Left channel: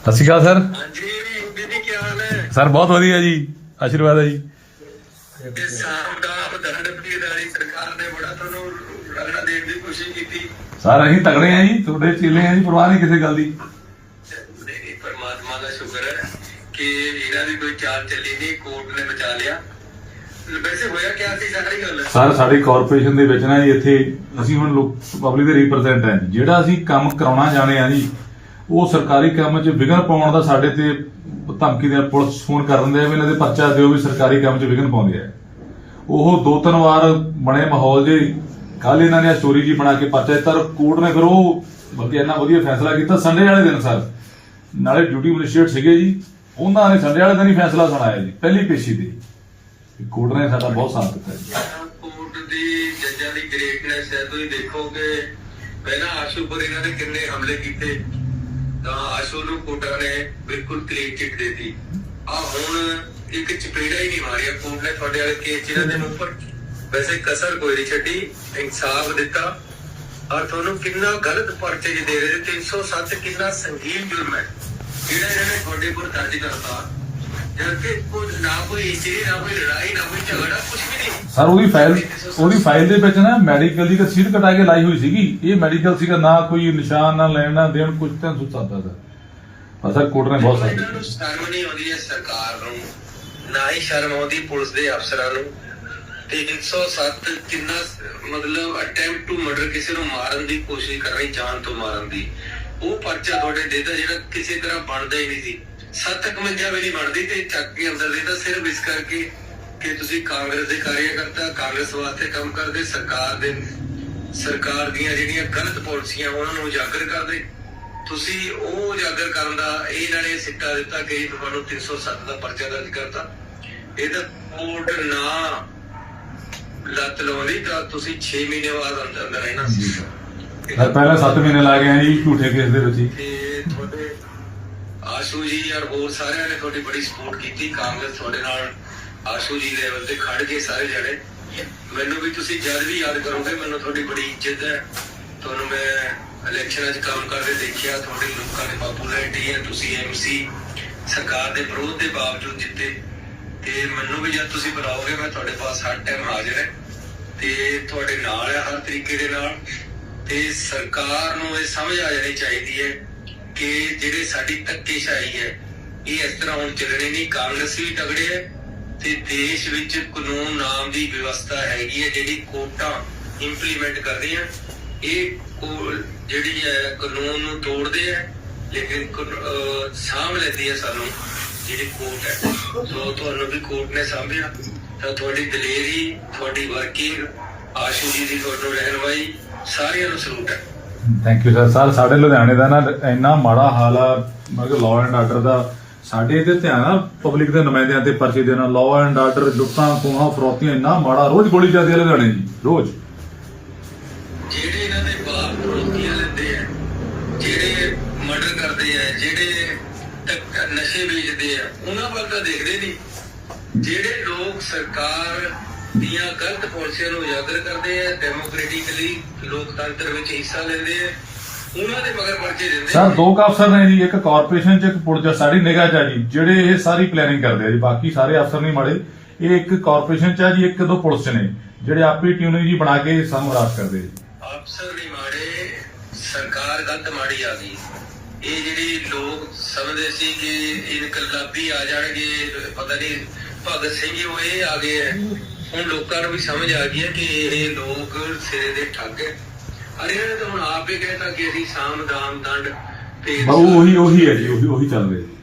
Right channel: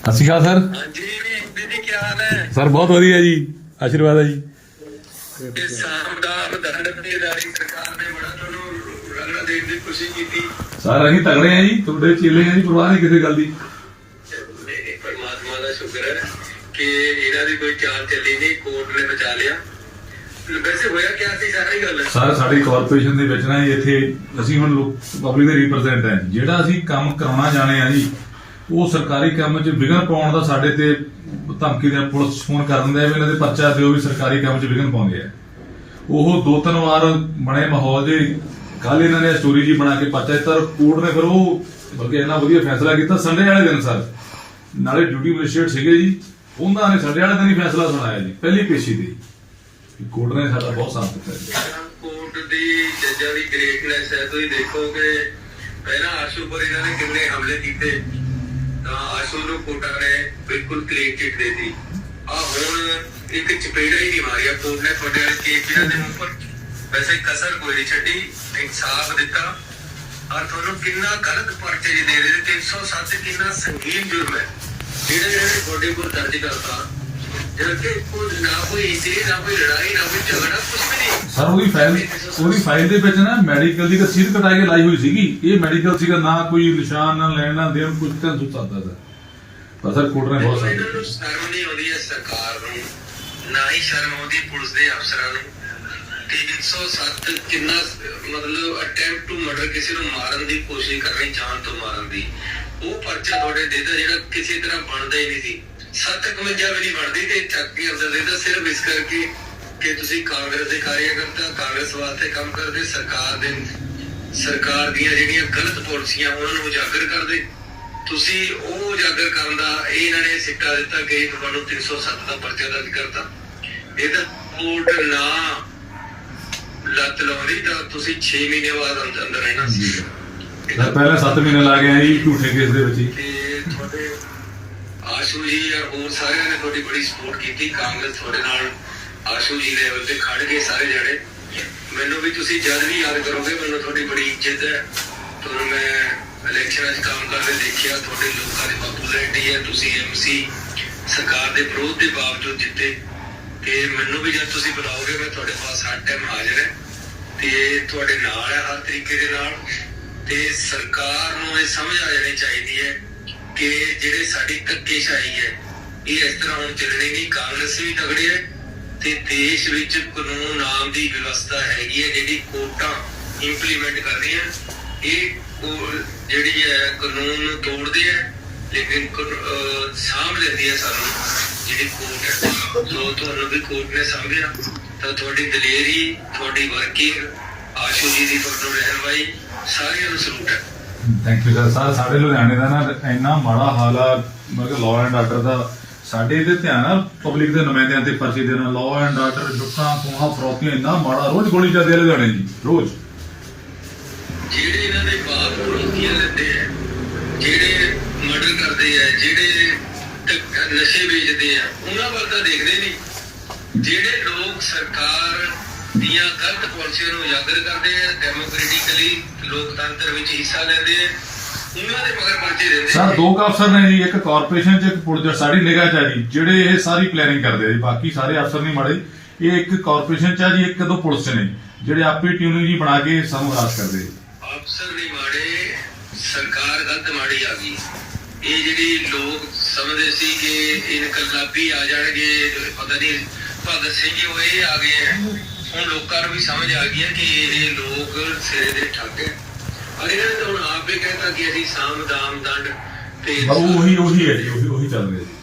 ਸਤਿ ਸ਼੍ਰੀ ਅਕਾਲ ਸਰ। ਹਾਂਜੀ ਦੀਦੀ ਕੀ ਹਾਲ ਹੈ? ਸਰ ਬਹੁਤ ਵਧੀਆ ਜੀ ਆਸ਼ੀਰਵਾਦ ਹੈ ਜੀ। ਇਹ ਸਾਮ ਦਾ ਦੰਡ ਦੀ ਇਦਾਰੀ ਸਰਕਾਰ ਨੇ ਬੜਾ ਤੁਹਾਨੂੰ ਰੰਗਾਂ ਦੇਣ ਦੀ ਕੋਸ਼ਿਸ਼ ਕੀਤੀ। ਸਰ ਅਸੀਂ ਤਗੜੇ ਆ ਜੀ ਤੁਹਾਡੇ ਚੇਲੇ ਆ ਜੀ ਪਰਵਾਹ ਨਹੀਂ ਕਿਸੇ ਗੱਲ ਦੀ। ਨਹੀਂ ਪਰਮਾਤਮਾ ਦਾ ਸ਼ੁਕਰ ਹੈ ਕਿ ਇਹਨਾਂ ਦੀ ਕੋਈ ਚਾਲ ਚੱਲੀ ਨਹੀਂ ਕੋਰਟ ਨੇ ਬਚਾ ਲਿਆ। ਵੈਸੇ ਹੋਇਆ ਕੀ ਸੀ ਸਾਰੀ ਗੱਲ? ਸਰ ਸਾਡੀ ਕਾਰਪੋਰੇਸ਼ਨ ਦੇ ਵਿੱਚ ਨਾ ਜੀ ਇੱਥੇ ਅਸੀਂ ਹੁਣ ਲੋਕ ਪਬਲਿਕ ਦੇ ਰਿਪਰੈਜ਼ੈਂਟ ਹਾਂ ਜਿਹੜਾ ਅਸੀਂ ਕੰਮ ਕਰਾਉਣਾ ਜਾਣੇ ਆ ਜੀ ਉਹ ਸਰਕਾਰੀ ਕੰਮ 'ਚ ਵਿਘਨ ਪਾਉਣ ਦਾ ਸਾਡੇ ਤੇ ਧਮਕੀ ਦੇ ਪੁਲਿਸ ਫੋਨ ਕਰ ਦਿੰਦੇ ਵੀ ਇਹਨਾਂ ਦੇ ਪਰਚਾ ਦਿਓ ਵੀ ਸਰਕਾਰੀ ਕੰਮ 'ਚ ਵਿਘਨ ਪਾਉਂਦੇ ਆ। ਉਹ ਦੋ ਤਿੰਨ ਵਾਰ ਬਣੇ ਮਾਹੌਲ ਦੇ ਕੱਲ ਇਹਨਾਂ ਨੇ ਸਟੋਰੀ ਜੀ ਬਣਾ ਕੇ ਪਰਚਾ ਦਿੱਤਾ ਕੋਰਟ ਨੇ ਫਿਰ ਉਹ ਬਲਕਿ ਇੰਨਾ ਵਧੀਆ ਫੈਸਲਾ ਕੀਤਾ, ਸੰਡੇ ਵਾਲੇ ਦਿਨ ਸਰ। ਨਾਲੇ ਡਿਊਟੀ ਮੈਜਿਸਟ੍ਰੇਟ ਸੀਗੇ ਜੀ, ਉਹਨਾਂ ਨੇ ਸੰਡੇ ਵਾਲੇ ਦਿਨ ਹੀ ਫੈਸਲਾ ਸੁਣਾਇਆ ਜੀ, ਪਹਿਲੀ ਪੇਸ਼ੀ ਤੇ। ਕੋਰਟ ਨੇ ਸਾਡਾ ਬਹੁਤ ਸਾਥ ਦਿੱਤਾ ਜੀ। ਕੋਰਟ ਦੀ ਜੱਜਾਂ ਦੀ ਗ੍ਰੇਟਨੈਸ ਹੈ, ਤੁਸੀਂ ਦੇਖੋਗੇ, ਪਹਿਲਾਂ ਆਸ਼ੂ ਪਰ ਇਹਨਾਂ ਨੇ ਕਿੰਨੇ ਹਮਲੇ ਕੀਤੇ। ਤਾਂ ਆਸ਼ੂ ਨੂੰ ਕੋਟਾ ਨੇ ਬਿਲਕੁਲ ਕਲੀਨ ਚਿੱਟ ਦੇਤੀ। ਆ ਹੁਣ ਇੱਕ ਚਪੇੜਾ ਹੀ ਨਹੀਂ ਮਾਰਿਆ ਕੋਰਟ ਨੇ ਫੜੇ ਵਾਲੇ ਕੇਸ ਜਿਹੜੇ ਦੇ ਮੂੰਹ ਵੈਸੇ ਕਸਰ ਕੋਈ ਨਹੀਂ ਛੱਡੀ, ਇਨਸਾਫ ਦਿੱਤਾ। ਔਰ ਤੁਹਾਨੂੰ ਕਿੰਨਾ ਗਲਤ ਪਰਚੇ ਜੀ ਦੇ ਰਹੇ ਨੇ 307 ਕਿੰਨਾ ਸੰਗੀਨ ਜੁਰਮ ਹੈ। ਜਿਹੜਾ ਇਹਨਾਂ ਤੁਹਾਡੇ ਕੋਲ ਦਰਜ ਕਰਤਾ ਸਰ, ਉਹਦੀ ਫਾਈਲ ਉਹਦੀ ਫਾਈਲ ਦੇ ਵਿੱਚ ਨਾ ਮੈਡੀਕਲ ਦੀ ਰਸੀਦ ਕਟਾ ਕੇ ਲਾਈ ਹੋਈ ਸੀਗੀ। ਇਹ ਮੈਡੀਕਲ ਸੀਗਾ, ਨਾ ਕੋਈ ਨਿਸ਼ਾਨ, ਨਾ ਲੈਣਾ ਦੇਣ ਕੁਝ ਤਾਂ ਸੁੱਚ ਸਕਦਾ ਸਰ। ਪਰ ਸਰ ਨੇ ਬਹੁਤ ਸਾਥ ਸ਼ਰਮ ਨਹੀਂ ਆਉਂਦੀ ਹੈ ਸਰਕਾਰ ਨੂੰ ਨਾ ਹੀ ਸ਼ਰਮ ਆਉਂਦੀ ਪੁਲਿਸ ਦੇ ਅਫਸਰਾਂ ਨੂੰ 307 ਕਿੰਨਾ ਮਤਲਬ ਅਟੈਂਪਟ ਟੂ ਮਰਡਰ ਕਿਸੇ ਨੂੰ ਮਾਰਨ ਦੀ ਕੋਸ਼ਿਸ਼ ਕਰ ਰਹੀ ਜਾਨ ਤੋਂ ਮਾਰਨ ਦੀ ਉਹ ਪਰਚਾ ਤੁਹਾਡੇ ਦੇਦਾ ਜਿਹੜਾ ਕਿਸੇ ਤਰ੍ਹਾਂ ਬਣਦਾ ਹੀ ਨਹੀਂ ਸੀ। 751 ਵੀ ਨਹੀਂ ਬਣਦੀ ਤੇ ਚੱਕ ਕੇ ਅੰਦਰ ਦੇਦਾ ਸਿਰਫ ਇਸ ਕਰਕੇ ਕਿ ਤੁਸੀਂ ਕਾਂਗਰਸ ਦੇ ਕਾਰਜਕਰਤਾ ਕਾਂਗਰਸ ਵਾਸਤੇ ਕੰਮ ਕਰਦੇ ਸਰਕਾਰ ਦੇ ਸਰਕਾਰ ਦੀਆਂ ਜਿਹੜੀਆਂ ਗਲਤ ਪਾਲਿਸੀਆਂ ਉਹਨਾਂ ਨੂੰ ਉਜਾਗਰ ਕਰਦੇ। ਤੁਸੀਂ ਉਹ ਉਜਾਗਰ ਕਰਨ ਦਾ ਇਹ ਇਹਨਾਂ ਨੇ ਸਿੱਟਾ ਦਿੱਤਾ ਕਿ ਤੁਹਾਨੂੰ 307 ਦਾ ਪਰਚਾ ਦਰਜ ਕਰਤਾ। ਇਹਦਾ ਕੋਰਟ ਨਾ ਲੱਤ ਲਾਉਂਦੀ ਤਾਂ ਤੁਸੀਂ 6 ਮਹੀਨੇ ਬਾਅਦ ਅੰਦਰ ਅੰਦਰ ਰਹਿਣਾ ਸੀ। ਪਹਿਲਾਂ 7 ਮਹੀਨੇ ਲਾ ਗਏ ਆ ਜੀ ਝੂਠੇ ਕੇਸ ਦੇ ਵਿੱਚ ਤੇ ਤੁਹਾਡੇ ਆਸ਼ੂ ਜੀ ਔਰ ਹੋਰ ਸਾਰਿਆਂ ਨੇ ਤੁਹਾਡੀ ਬੜੀ ਸਪੋਰਟ ਕੀਤੀ। ਕਾਂਗਰਸ ਤੁਹਾਡੇ ਨਾਲ ਆਸ਼ੂ ਜੀ ਲੈਵਲ ਤੇ ਖੜ ਗਏ ਸਾਰੇ ਜਣੇ। ਮੈਨੂੰ ਵੀ ਤੁਸੀਂ ਜਦ ਵੀ ਯਾਦ ਕਰੋਗੇ, ਮੈਨੂੰ ਤੁਹਾਡੀ ਬੜੀ ਇੱਜ਼ਤ ਹੈ। ਤੁਹਾਨੂੰ ਮੈਂ ਇਲੈਕਸ਼ਨਾਂ 'ਚ ਕੰਮ ਕਰਦੇ ਦੇਖਿਆ। ਤੁਹਾਡੇ ਲੋਕਾਂ ਦੀ ਪਪੂਲੈਰਿਟੀ ਹੈ, ਤੁਸੀਂ ਐਮਸੀ ਸਰਕਾਰ ਦੇ ਵਿਰੋਧ ਦੇ ਬਾਵਜੂਦ ਜਿੱਤੇ। ਤੇ ਮੈਨੂੰ ਵੀ ਜਦ ਤੁਸੀਂ ਬੁਲਾਓਗੇ, ਮੈਂ ਤੁਹਾਡੇ ਪਾਸ ਹਰ ਟਾਈਮ ਹਾਜ਼ਰ ਹੈ। ਤੇ ਤੁਹਾਡੇ ਨਾਲ ਹੈ, ਹਰ ਤਰੀਕੇ ਦੇ ਨਾਲ। ਤੇ ਸਰਕਾਰ ਨੂੰ ਇਹ ਸਮਝ ਆ ਜਾਣੀ ਚਾਹੀਦੀ ਹੈ ਕਿ ਜਿਹੜੇ ਸਾਡੀ ਧੱਕੇਸ਼ਾਹੀ ਹੈ, ਇਹ ਇਸ ਤਰ੍ਹਾਂ ਹੁਣ ਚੱਲਣੀ ਨਹੀਂ। ਕਾਂਗਰਸ ਵੀ ਤਗੜੇ ਹੈ ਤੇ ਦੇਸ਼ ਵਿੱਚ ਕਾਨੂੰਨ ਨਾਮ ਦੀ ਵਿਵਸਥਾ ਹੈਗੀ ਹੈ, ਜਿਹੜੀ ਕੋਰਟਾਂ ਇੰਪਲੀਮੈਂਟ ਕਰਦੀਆਂ ਇਹ ਜਿਹੜੀ ਹੈ, ਕਾਨੂੰਨ ਨੂੰ ਤੋੜਦੇ ਹੈ, ਲੇਕਿਨ ਸਾਂਭ ਲੈਂਦੀ ਹੈ ਸਾਨੂੰ ਜਿਹੜੀ ਕੋਰਟ ਹੈ। ਸੋ ਤੁਹਾਨੂੰ ਵੀ ਕੋਰਟ ਨੇ ਸਾਂਭਿਆ, ਤਾਂ ਤੁਹਾਡੀ ਦਲੇਰੀ, ਤੁਹਾਡੀ ਵਰਕਿੰਗ ਆਸ਼ੂ ਜੀ ਦੀ ਤੁਹਾਨੂੰ ਰਹਿਨਮਾਈ ਸਾਰਿਆਂ ਨੂੰ ਸਲੂਟ ਹੈ। ਥੈਂਕ ਯੂ ਸਰ ਸਰ ਸਾਡੇ ਲੁਧਿਆਣੇ ਦਾ ਨਾ ਇੰਨਾ ਮਾੜਾ ਹਾਲ ਆ, ਮਤਲਬ ਲਾਅ ਐਂਡ ਆਰਡਰ ਦਾ, ਸਾਡੇ ਤੇ ਧਿਆਨ ਆ ਪਬਲਿਕ ਦੇ ਨੁਮਾਇੰਦਿਆਂ ਤੇ ਪਰਚੇ ਦੇਣਾ ਲਾਅ ਐਂਡ ਆਰਡਰ ਲੁੱਟਾਂ ਖੋਹਾਂ ਫਰੋਤੀਆਂ ਇੰਨਾ ਮਾੜਾ, ਰੋਜ਼ ਗੋਲੀ ਚੱਲਦੀ ਆ ਲੁਧਿਆਣੇ ਜੀ ਰੋਜ਼। ਜਿਹੜੇ ਇਹਨਾਂ ਦੇ ਬਾਪ ਰੋਟੀਆਂ ਦਿੰਦੇ ਆ, ਜਿਹੜੇ ਮਰਡਰ ਕਰਦੇ ਆ, ਜਿਹੜੇ ਧੱਕ- ਨਸ਼ੇ ਵੇਚਦੇ ਆ, ਉਹਨਾਂ ਵੱਲ ਤਾਂ ਦੇਖਦੇ ਨਹੀਂ। ਜਿਹੜੇ ਲੋਕ ਸਰਕਾਰ ਦੀਆਂ ਗਲਤ ਪਾਲਿਸੀਆਂ ਨੂੰ ਉਜਾਗਰ ਕਰਦੇ ਆ ਡੈਮੋਕ੍ਰੈਟਿਕਲੀ ਲੋਕਤੰਤਰ ਵਿੱਚ ਹਿੱਸਾ ਲੈਂਦੇ ਆ ਉਹਨਾਂ ਦੇ ਮਗਰ ਪਰਚੇ ਦਿੰਦੇ ਸਰ ਦੋ ਅਫਸਰ ਨੇ ਜੀ ਇੱਕ ਕਾਰਪੋਰੇਸ਼ਨ ਚ ਇੱਕ ਪੁਲਿਸ ਸਾਡੀ ਨਿਗਾਹ ਚ ਆ ਜੀ ਜਿਹੜੇ ਇਹ ਸਾਰੀ ਪਲੈਨਿੰਗ ਕਰਦੇ ਆ ਜੀ ਬਾਕੀ ਸਾਰੇ ਅਫਸਰ ਨਹੀਂ ਮਾੜੇ। ਇਹ ਇੱਕ ਕਾਰਪੋਰੇਸ਼ਨ ਚ ਆ ਜੀ ਇੱਕ ਦੋ ਪੁਲਿਸ ਨੇ ਜਿਹੜੇ ਆਪੇ ਟਿਊਨ ਜੀ ਬਣਾ ਕੇ ਸਾਨੂੰ ਰਾਜ ਕਰਦੇ। ਅਫਸਰ ਨਹੀਂ ਮਾੜੇ ਸਰਕਾਰ ਗਲਤ ਮਾੜੀ ਆ ਗਈ। ਇਹ ਜਿਹੜੀ ਲੋਕ ਸਮਝਦੇ ਸੀ ਕਿ ਇਨਕਲਾਬੀ ਆ ਜਾਣਗੇ ਪਤਾ ਨਹੀਂ ਭਗਤ ਸਿੰਘ ਉਹ ਇਹ ਆ ਗਏ ਹੈ ਹੁਣ ਲੋਕਾਂ ਨੂੰ ਵੀ ਸਮਝ ਆ ਗਈ ਹੈ ਕਿ ਇਹ ਲੋਕ ਸਿਰੇ ਦੇ ਠੱਗ ਹੈ। ਅਰੇ ਇਹਨਾਂ ਨੇ ਤਾਂ ਹੁਣ ਆਪ ਹੀ ਕਹਿਤਾ ਕਿ ਅਸੀਂ ਸਾਮ, ਦਾਮ, ਦੰਡ ਤੇ ਉਹ ਉਹੀ ਉਹੀ ਹੈ ਜੀ, ਉਹੀ ਉਹੀ ਚੱਲ ਰਿਹਾ ਜੀ।